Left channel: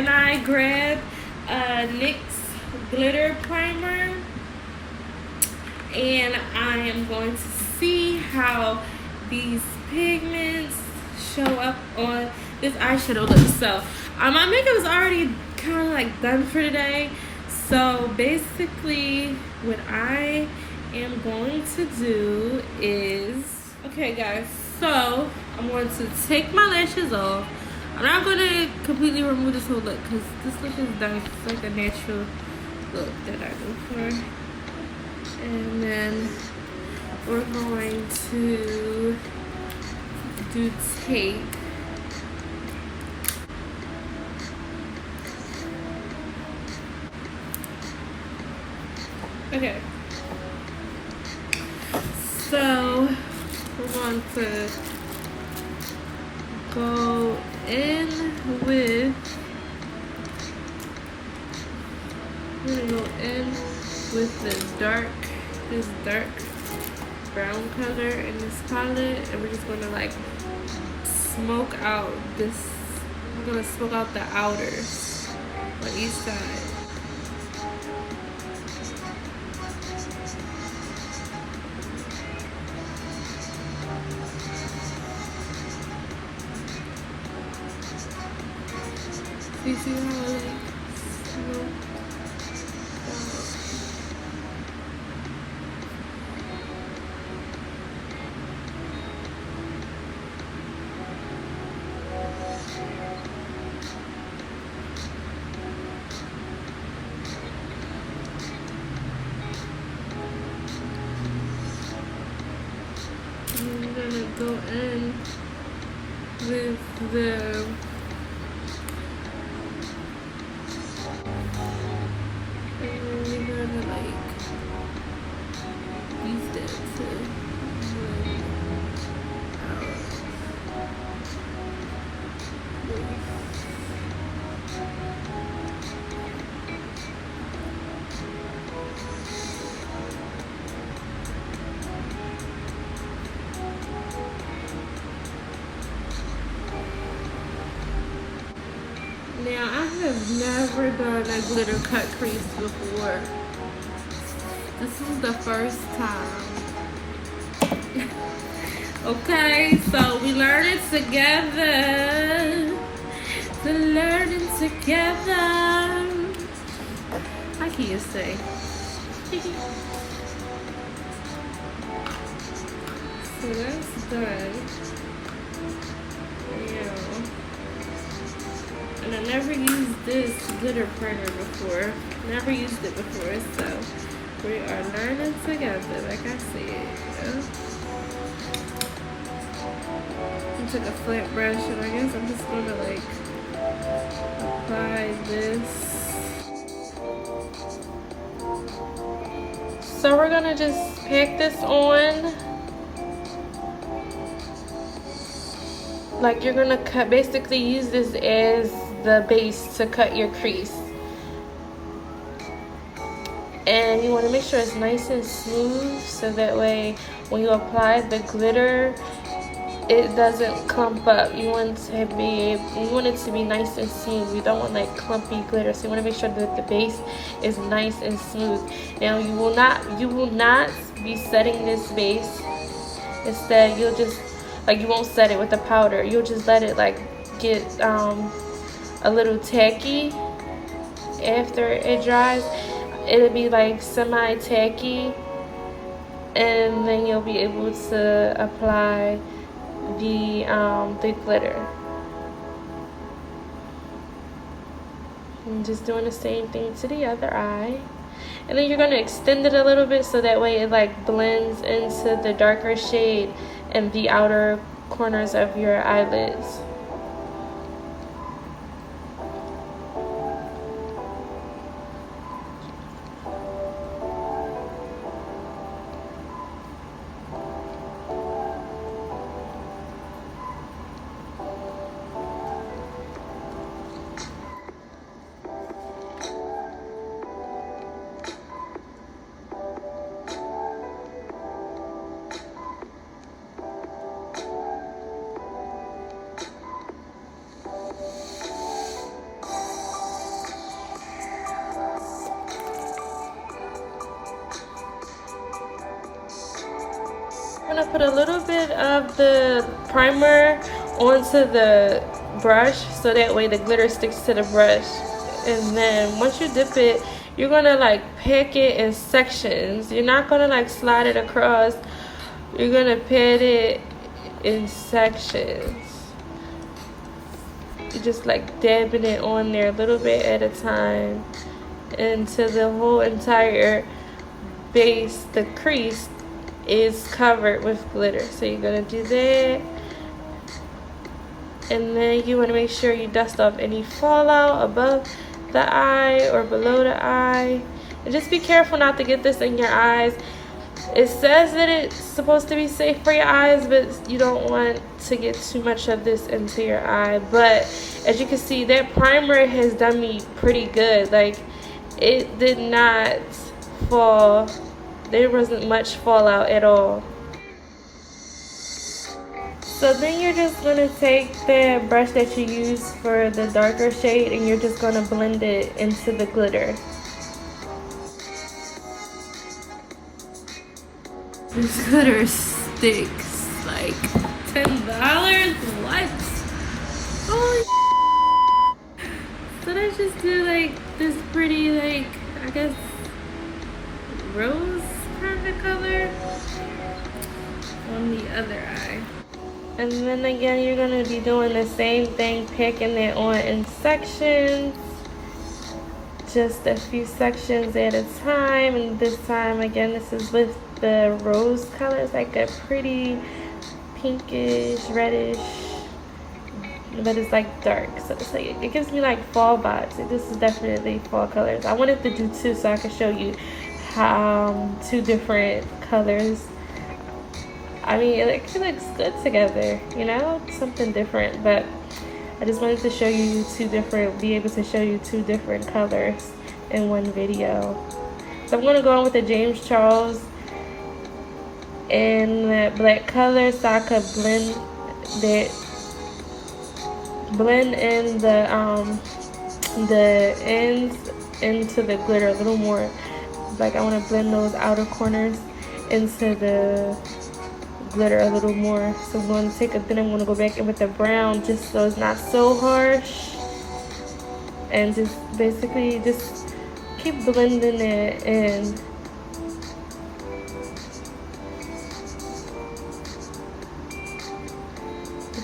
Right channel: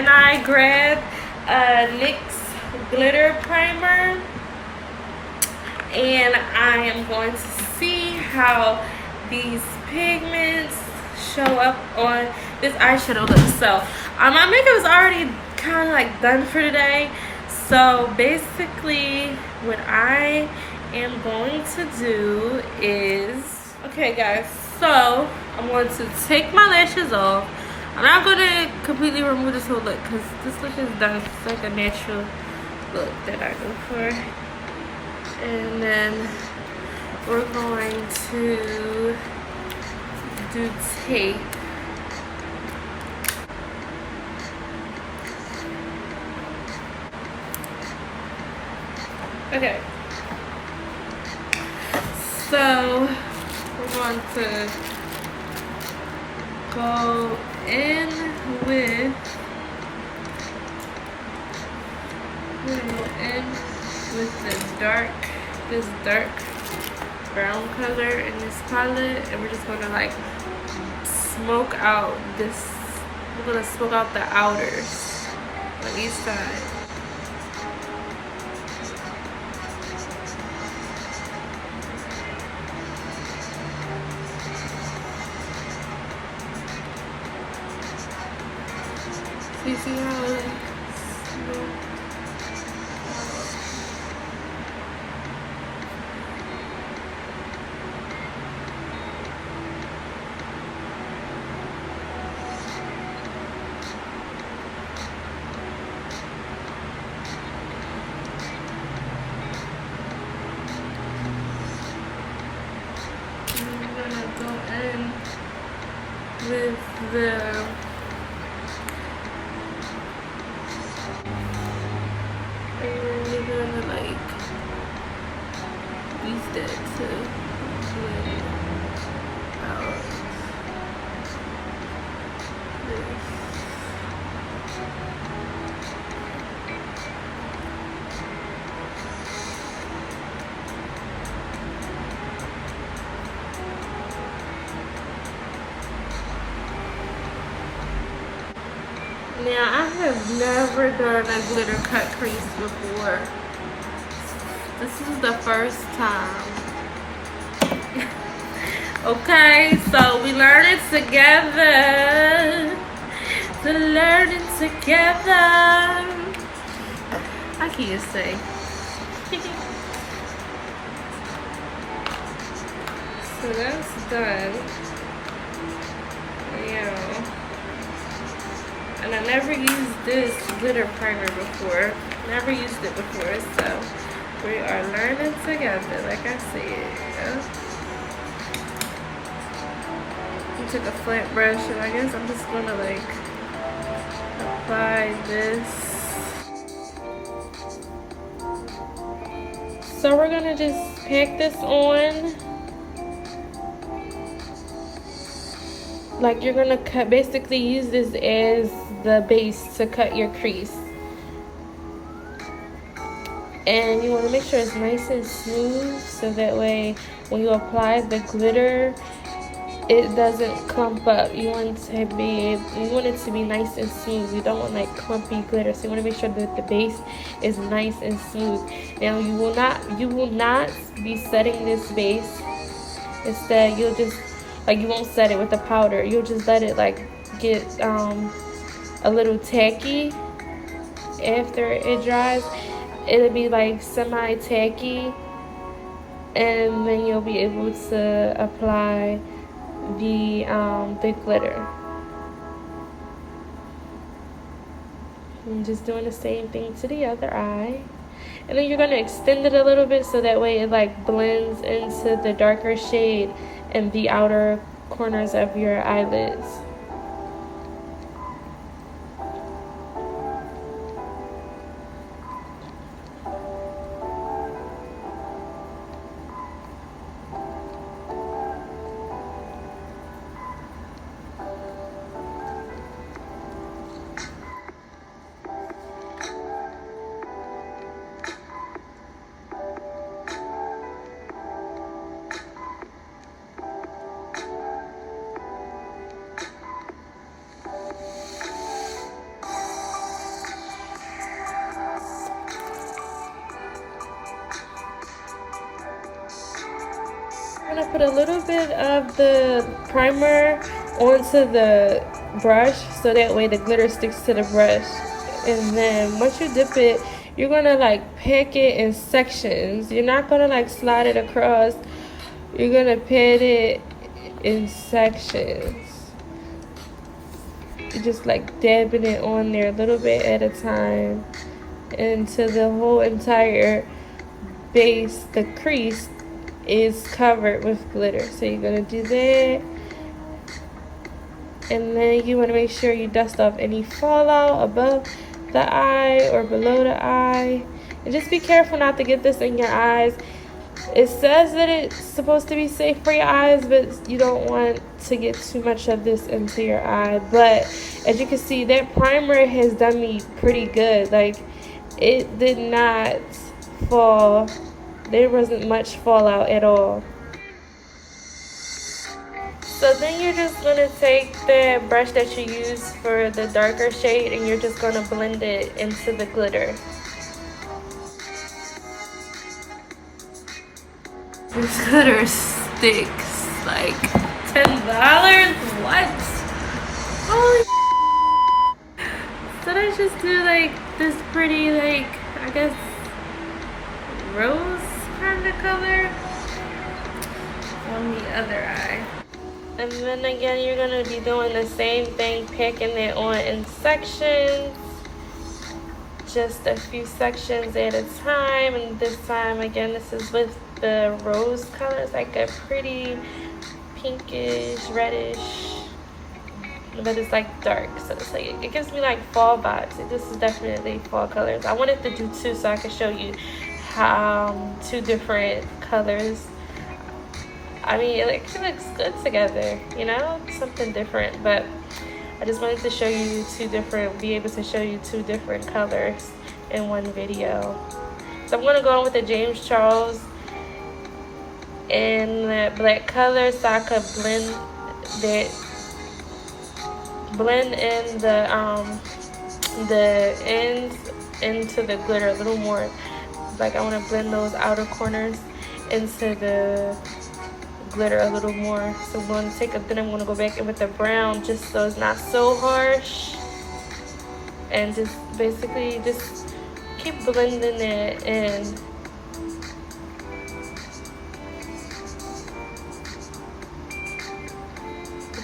and I grabbed NYX glitter primer, and I am going to see how these pigments show up on this eyeshadow look. So my makeup is already kind of like done for today. So basically what I am going to do is, okay guys, so I'm going to take my lashes off. I'm not going to completely remove this whole look because this look is done. It's like a natural look that I go for. And then we're going to do tape. Okay. So we're going to go in with this dark brown color in this palette, and we're just gonna like smoke out this. We're gonna smoke out the outers on each side. So you see how like smoke out. Go in with the and then you're gonna like use it to lay out. Now, I have never done a glitter cut crease before. This is the first time. Okay, so we learn it together. To learn it together. I can't say. So that's done. Yeah. And I never used this glitter primer before. Never used it before, so we are learning together, like I said. I took a flat brush, and I guess I'm just gonna like apply this. So we're gonna just pack this on. Like you're gonna cut, basically use this as the base to cut your crease. And you want to make sure it's nice and smooth, so that way when you apply the glitter, it doesn't clump up. You want it to be nice and smooth. You don't want like clumpy glitter. So you want to make sure that the base is nice and smooth. Now you will not be setting this base. Instead, you'll just you won't set it with the powder. You'll just let it like get a little tacky after it dries. It'll be like semi-tacky, and then you'll be able to apply the glitter. I'm just doing the same thing to the other eye. And then you're going to extend it a little bit, so that way it like blends into the darker shade and the outer corners of your eyelids. put a little bit of the primer onto the brush so that way the glitter sticks to the brush. And then once you dip it, you're gonna like pack it in sections. You're not gonna like slide it across. You're gonna pat it in sections. You're just like dabbing it on there a little bit at a time until the whole entire base, the crease, is covered with glitter. So you're gonna do that, and then you want to make sure you dust off any fallout above the eye or below the eye, and just be careful not to get this in your eyes. It says that it's supposed to be safe for your eyes, but you don't want to get too much of this into your eye. But as you can see, that primer has done me pretty good. Like, it did not fall. There wasn't much fallout at all. So then you're just going to take the brush that you use for the darker shade and you're just going to blend it into the glitter. This glitter sticks like $10. What? Oh. So I just do like this pretty, like, I guess, rose kind of color on the other eye. And then again, you're going to be doing the same thing, packing it on in sections. Just a few sections at a time. And this time, again, this is with the rose color. It's like a pretty pinkish, reddish, but it's like dark. So it's like, it gives me like fall vibes. This is definitely fall colors. I wanted to do two so I could show you how two different colors. I mean, it looks good together, you know, something different. But I just wanted to show you be able to show you two different colors in one video. So I'm gonna go on with the James Charles in the black color so I could blend in the ends into the glitter a little more. Like, I want to blend those outer corners into the glitter a little more. So I'm going to take then I'm going to go back in with the brown just so it's not so harsh, and just basically just keep blending it in.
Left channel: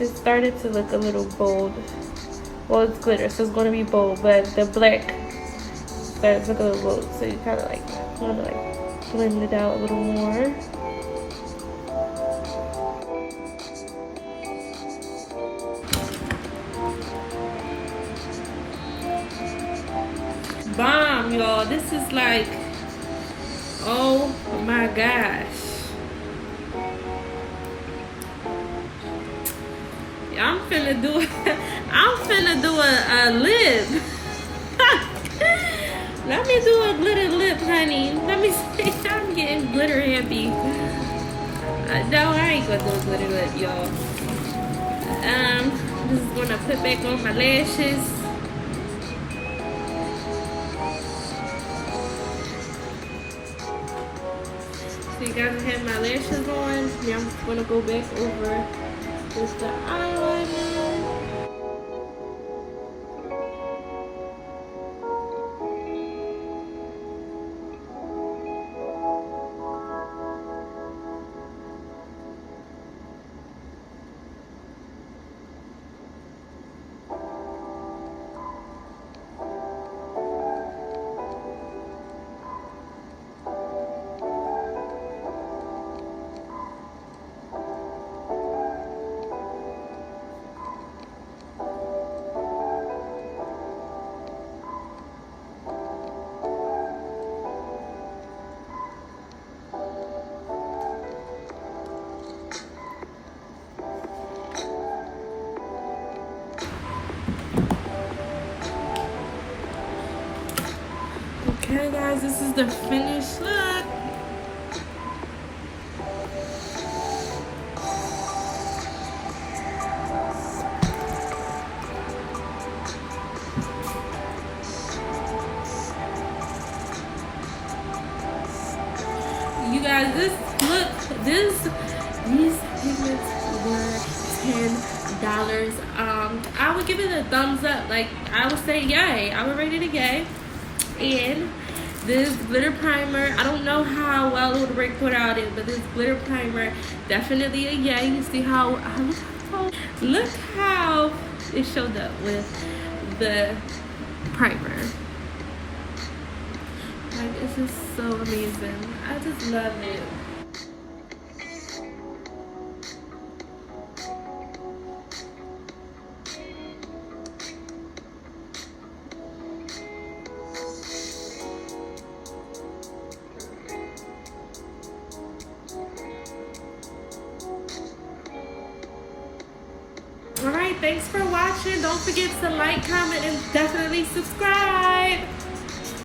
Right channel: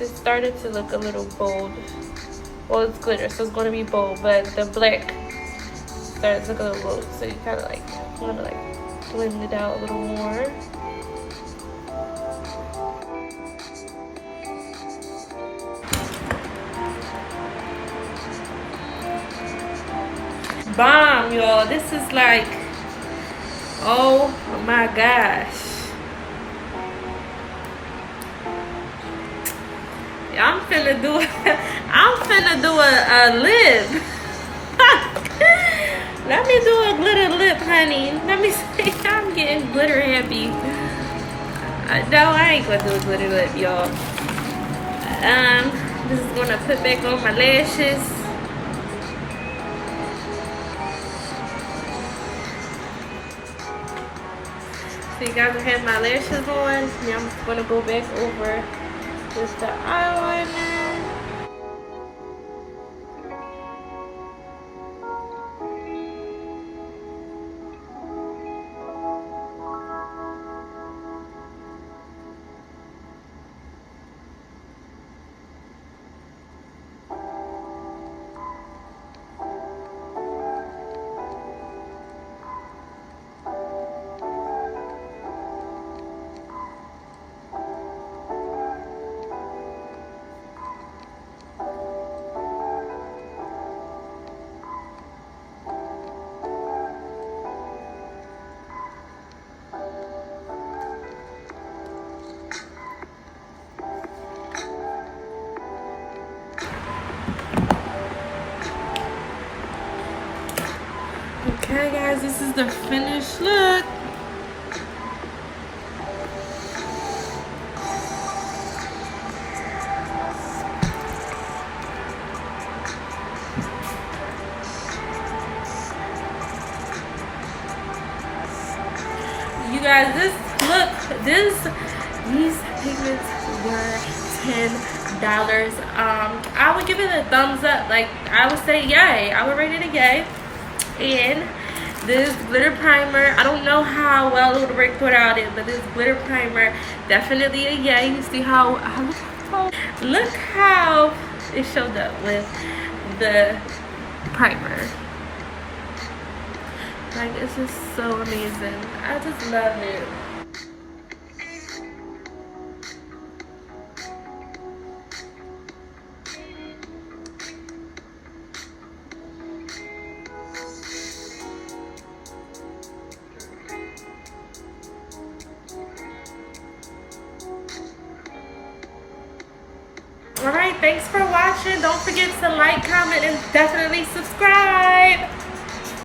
It started to look a little bold. Well, it's glitter, so it's going to be bold, but the black started to look a little bold, so you kind of like want to like blend it out a little more. Bomb, y'all. This is like, oh my gosh. I'm finna do a lip. Let me do a glitter lip, honey. Let me see. I'm getting glitter happy. No, I ain't gonna do a glitter lip, y'all. This is gonna put back on my lashes. So you guys have my lashes on. Now I'm just gonna go back over just the eyeliner. Okay guys, this is the finished look. You guys, this I would give it a thumbs up. Like, I would say yay. I would rate it a yay. And this glitter primer, I don't know how well it would work without it, but this glitter primer, definitely a yay. You see how look how it showed up with the primer. Like, it's just so amazing. I just love it. Alright, thanks for watching. Don't forget to like, comment, and definitely subscribe.